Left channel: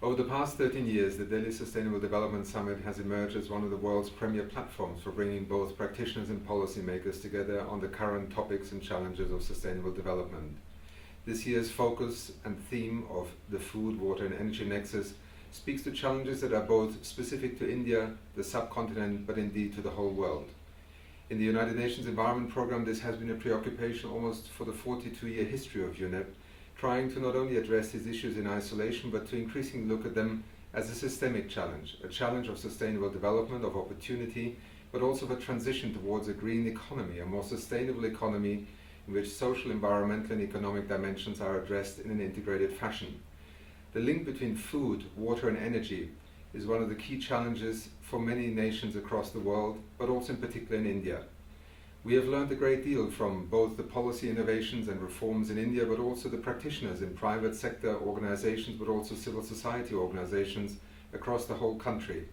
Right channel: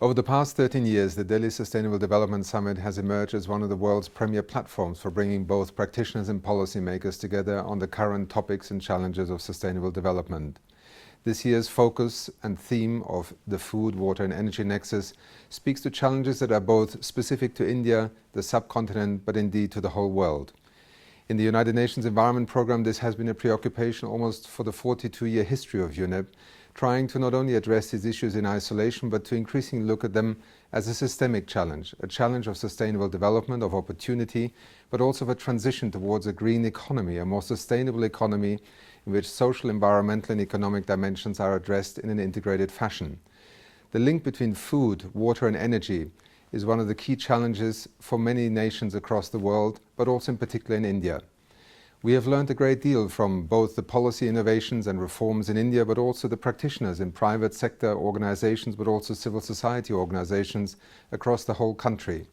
Over the past 13 years, the Delhi Sustainable Development Summit has emerged as one of the world's premier platforms for bringing both practitioners and policymakers together on the current topics and challenges of sustainable development. This year's focus and theme of the food, water and energy nexus speaks to challenges that are both specific to India, the subcontinent, but indeed to the whole world. In the United Nations Environment Programme, this has been a preoccupation almost for the 42-year history of UNEP, trying to not only address these issues in isolation, but to increasingly look at them as a systemic challenge, a challenge of sustainable development, of opportunity, but also of a transition towards a green economy, a more sustainable economy in which social, environmental and economic dimensions are addressed in an integrated fashion. The link between food, water and energy is one of the key challenges for many nations across the world, but also in particular in India. We have learned a great deal from both the policy innovations and reforms in India, but also the practitioners in private sector organizations, but also civil society organizations across the whole country.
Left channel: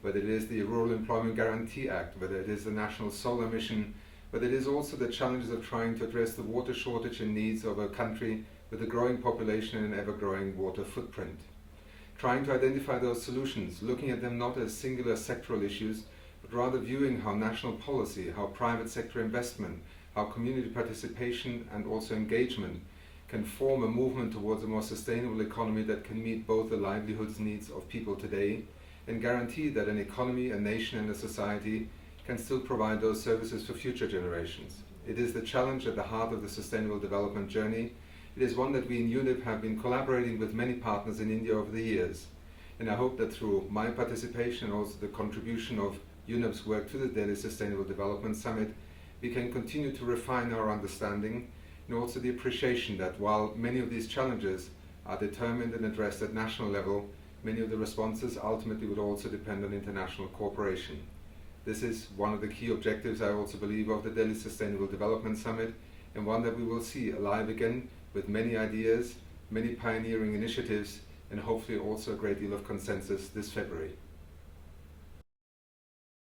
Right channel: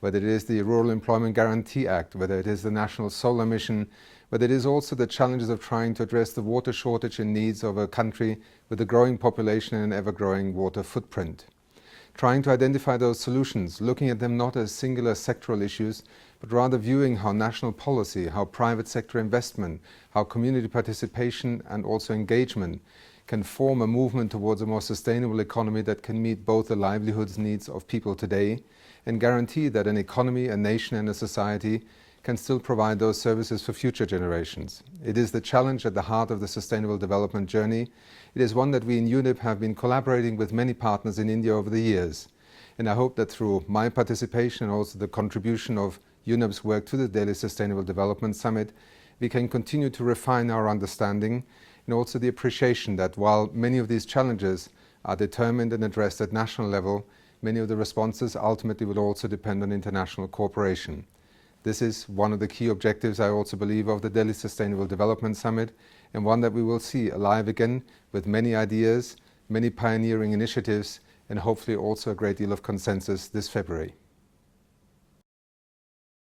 Whether it is the Rural Employment Guarantee Act, whether it is the National Solar Mission, whether it is also the challenges of trying to address the water shortage and needs of a country with a growing population and an ever-growing water footprint. Trying to identify those solutions, looking at them not as singular sectoral issues, but rather viewing how national policy, how private sector investment, how community participation and also engagement can form a movement towards a more sustainable economy that can meet both the livelihoods needs of people today and guarantee that an economy, a nation and a society can still provide those services for future generations. It is the challenge at the heart of the sustainable development journey. It is one that we in UNEP have been collaborating with many partners in India over the years. And I hope that through my participation and also the contribution of UNEP's work to the Delhi Sustainable Development Summit, we can continue to refine our understanding and also the appreciation that while many of these challenges are determined and addressed at national level, many of the responses ultimately would also depend on international cooperation. This is one of the key objectives, I also believe, of the Delhi Sustainable Development Summit, and one that we will see alive again with many ideas, many pioneering initiatives, and hopefully also a great deal of consensus this February.